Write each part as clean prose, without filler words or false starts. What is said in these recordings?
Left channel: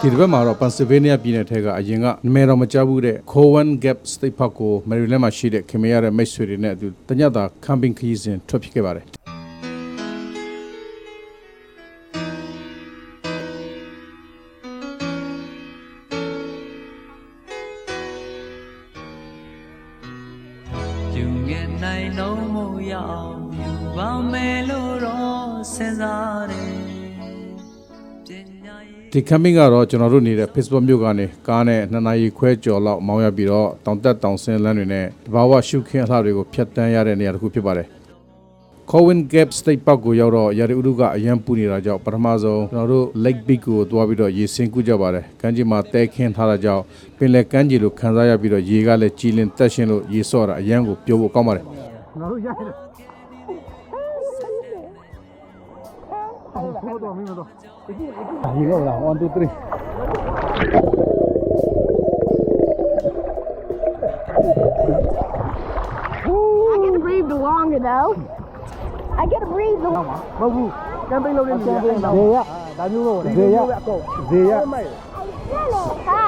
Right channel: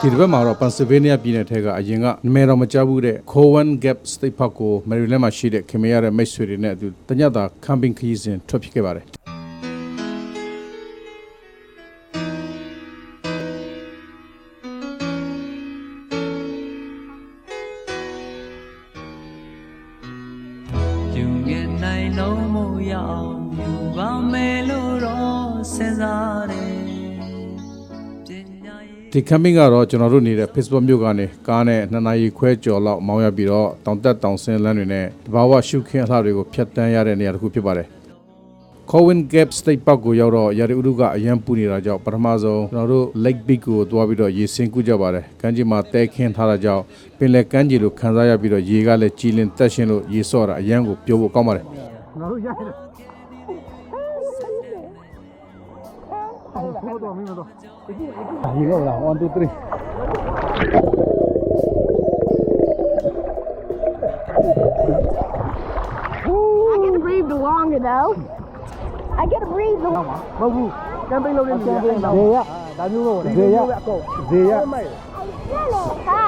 ဒီတစ်ပတ်မှာတော့ Pennsylvania ပြည်နယ်ထဲကအရင်ကနာမည်တော်မကြားဘူးတဲ့ Cowan Gap State Park ကို Maryland မှာရှိတဲ့ခင်မရတဲ့မိတ်ဆွေတွေနဲ့အတူတညတာ camping ခရီးစဉ်ထွက်ဖြစ်ခဲ့ပါတယ်ဒီ camping ကတော့ကျွန်တော်တို့နေတဲ့ Facebook မြို့ကနေကားနဲ့2နာရီခွဲကျော်လောက်မောင်းရပြီးတော့တောင်တက်တောင်ဆင်းလမ်းတွေနဲ့တဘာဝရှုခင်းအလှတွေကိုဖြတ်တန်းရတဲ့နေရာတစ်ခုဖြစ်ပါတယ် Cowan Gap State Park ကိုရောက်တော့ရာသီဥတုကအရန်ပူနေတာကြောင့်ပထမဆုံးကျွန်တော်တို့ Lake Beach ကိုသွားပြီးတော့ရေဆင်းကူးကြပါတယ်ကမ်းခြေမှာတဲခင်းထားတာကြောင့်ပင်လယ်ကမ်းခြေလိုခံစားရပြီးတော့ရေကလည်းကြည်လင်တက်ရှင်းလို့ရေဆော့တာအရန်ကိုပျော်ဖို့ကောင်းပါတယ်ကျွန်တော်တို့ရတယ်ဟုတ်တော့မင်းတို့ဒီလိုလား1 2 3 I get to breathe the longer though. I get to breathe the longer. မဟုတ်ဘူးကမ်ပိန်းလုပ်နေတယ်ဇေယဒါမျိုးလို့ဇေယအကုန်ဇေယဟာ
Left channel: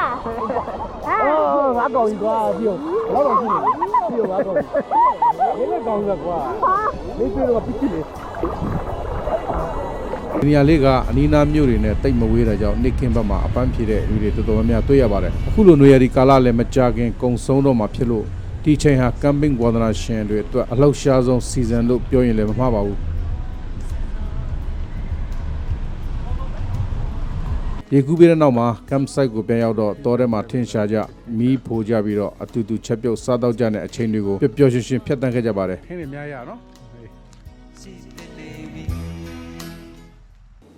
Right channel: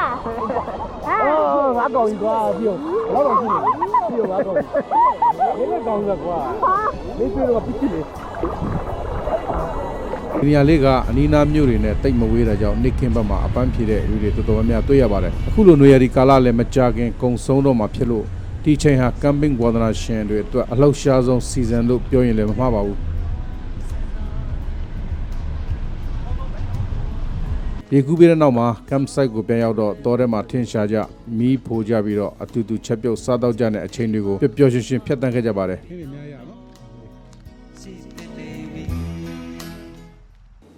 အော်ငါကောင်ကြီးကွာပြောဘယ်တော့ရှိနေပြောငါကောင်ကြီးဘယ်ကောင်ကြီးကွာလေးပြောတော့ပြစ်နေဒီနေရာလေးကအနီးနားမြို့တွေနဲ့တိတ်မဝေးတာကြောင့်နေ့ခင်းဘက်မှာအပန်းဖြေတဲ့လူတွေတော်တော်များများတွေ့ရပါတယ်အခုလိုနေရာဒီကာလလည်းမကြခင်ကုံဆုံးတော့မှာဖြစ်လို့ဒီချိန်ဟာ camping ဝါသနာရှင်တွေအတွက်အလောက်ရှားဆုံး season လို့ပြောရင်လည်းမမှားပါဘူးရေကူးပြီးတဲ့နောက်မှာ campsite ကိုပြန်ရောက်တော့တောထဲမှာထင်းရှာကြမီးဖိုးကြပြီးတော့အတူတူချက်ပြုတ်စားတော့ကြတဲ့အချိန်တွေကိုပျော်ရွှင်ရွှင်ဖြတ်တန်းခဲ့ကြပါတယ်ခင်းနေများရနော်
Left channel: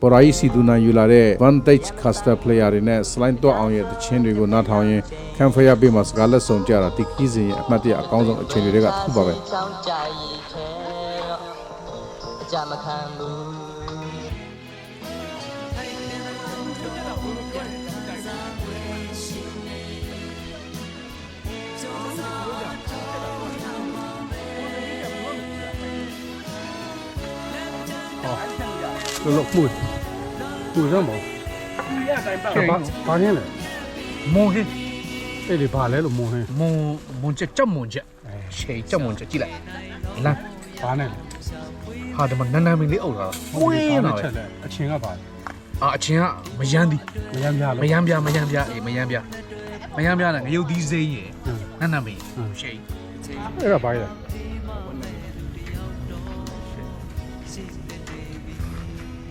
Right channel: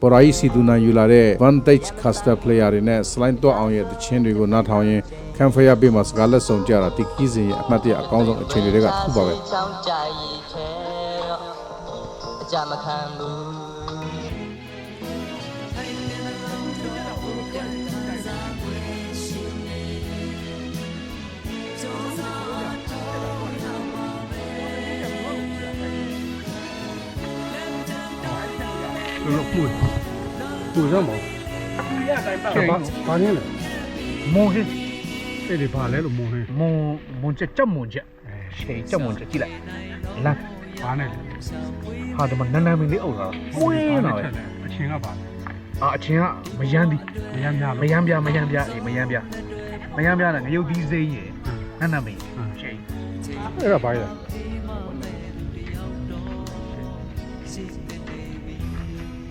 ပေါ်ရာစီဒူနာယူလာတဲ့ Vantage Caster player တွေနဲ့ slide တော့အောင်ရဲ့တခြင်းတွေကိုနားထောင်ရင် campfire ပေးမှာစကားလက်ဆောင်ကြတာဒီခီးစဉ်ရဲ့အမှတ်တရအကောင်းဆုံးအချိန်တွေကထူပါပဲလို့မှုရမောဘာနေလဲမွန်ဟင်းအဲ့ဒီဘာလဲလို့မွန်ဟင်းမွန်ချက်ကြောက်မွန်ချက်ရှေးကြောက်မွန်ချက်ကြည့်လိုက်လမ်းဘာနဲ့ဟာဒီမှာနန်းနန်းမင်းလေးအုပ်လာဝင်းလာပဲအချင်းကပါအချင်းကမယမ်းသည်မယမ်းပြအေးမယမ်းပြနဲ့ငရုတ်သီးစိမ်းရယ်နန်းနန်းမင်းရှေးအဲ့ဒါဘာလဲ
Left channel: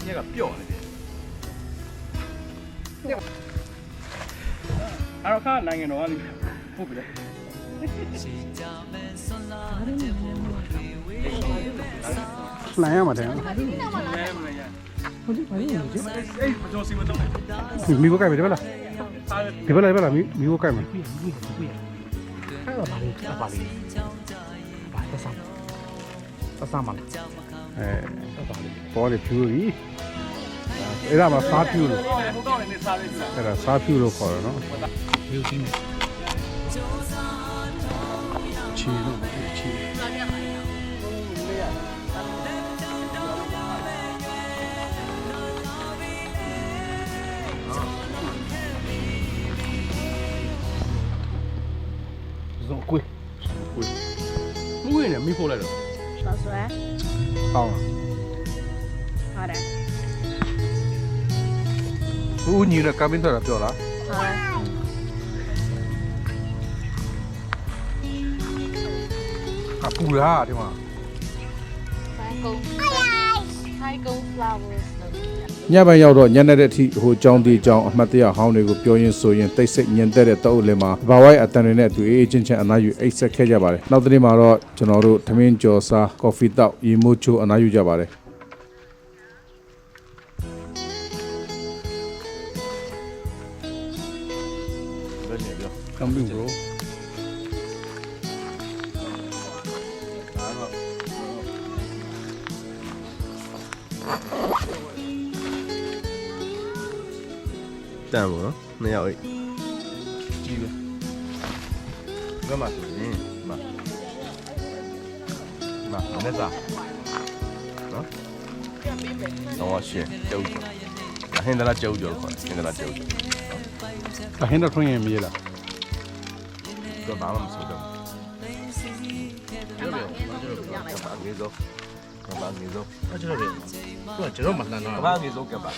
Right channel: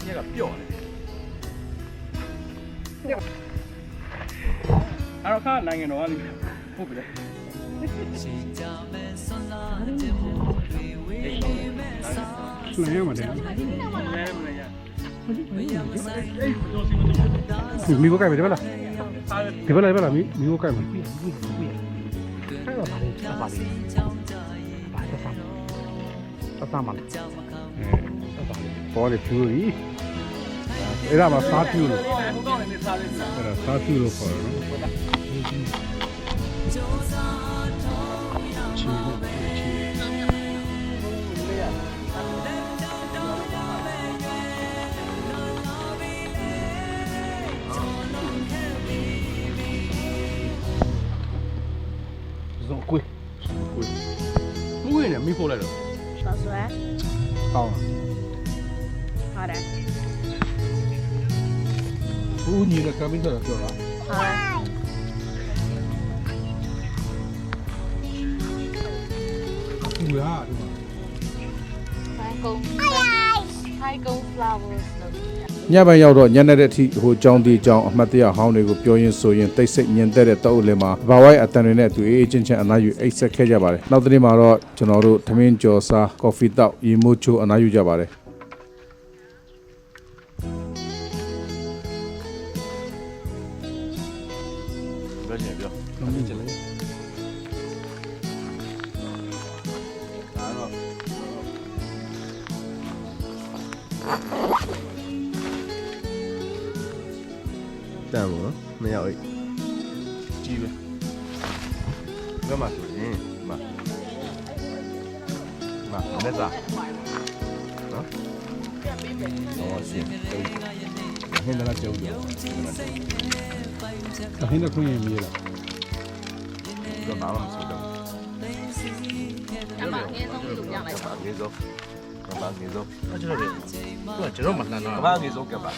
ညကပျော့နေတယ်အဲ့တော့ခါနိုင်ငံတော်ကလည်းပို့ပြီလေနိုင်ရမှာတယ်ဟုတ်တယ်အေးမကြောစီမတော့မိဘကပဲတယ်ဗလားဒီဗလားဗလားမိဘကပဲအဲ့တော့ပါလေဘာသက်သာမလားပေါ်လေဖြူကြီးအဲ့ဒါမှစားဖြူလို့အဲ့ဒါစားဖြူလို့ခေါ်ရနော်ယူချင်းချီလို့ချီဇုံကွေးမွေးနေမိဖို့လိုက်တော့老师，好了好的，ဦးညီနဲ့ကမ်ပင်းတော့ပြောလား好的。ပူလားဒီမှာ开工 flowers ညပိုင်းရောက်တော့ညနေတဲ့အထိဟိုကြောင်းတီကြောင်းအမှတ်တရဟောင်းတွေကိုပြောရင်းဆိုရင်တိတ်ဆိတ်ညင်တဲ့တောအုပ်လင်းမှာဘာဝိုင်းအတန်တွေနဲ့အတူအေးအေးချင်းချင်းအနားယူအိတ်ဆက်ခဲ့ကြပါတယ်နောက်တစ်နေ့မှာတော့ကျွန်တော်တို့ထမင်းကြော်စားကော်ဖီတောက်ရေမိုးချိုးအနားယူကြပါတယ်camping bro တန်ပေါ့နော်နှစ်ယောက်အိတ်ကြီးပဲဘယ်မှာဆိုရင်မနဲ့စားနော်တော့ရှင်းကျုပ်ဟင်းတလားကျုပ်ခေါ်ဟင်းတလားကျုပ် အဟင်းတော့ထွင်းရင်မြေးလား တော့ဘာမှမဆိုတော့ကဘာငေးစော 那这个人，我这种嘛，那 က 那 ဘာငေးစောကဘာ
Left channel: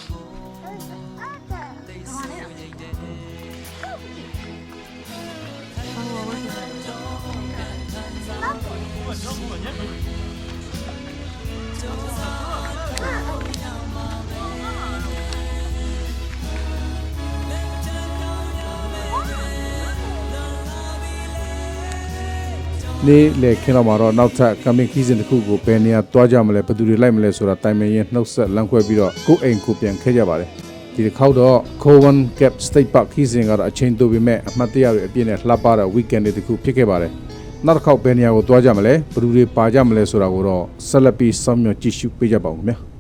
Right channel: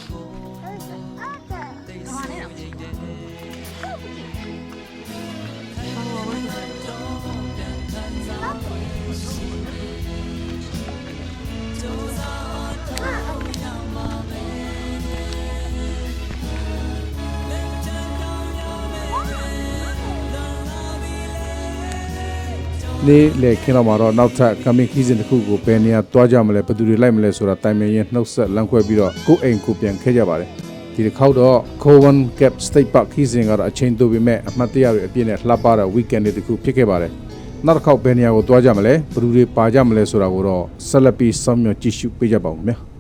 နေ့လေခင်းတော့မှာတော့နောက်ထပ် coming season တစ်ခုကိုဘယ်နေရာတွားကြမလဲဘယ်သူတွေလိုက်မလဲဆိုတာတိုင်ပင်ရင်နှုတ်ဆက်လမ်းခွဲပြီးတော့ကိုယ့်အိမ်ကိုပြန်ခဲ့ကြပါတယ်ဒီတစ်ခေါက်တော့ Cowan Gap State Park season ကတော့အချိန်တိုပေမဲ့အမှတ်တရတွေအပြည့်နဲ့လှပတဲ့ weekend တွေတစ်ခုဖြစ်ခဲ့ပါတယ်နောက်တစ်ခေါက်ဘယ်နေရာကိုတွားကြမလဲဘယ်သူတွေပါကြမလဲဆိုတာကိုတော့ဆက်လက်ပြီးစောင့်မျှော်ကြည့်ရှုပေးကြပါဦးခင်ဗျာ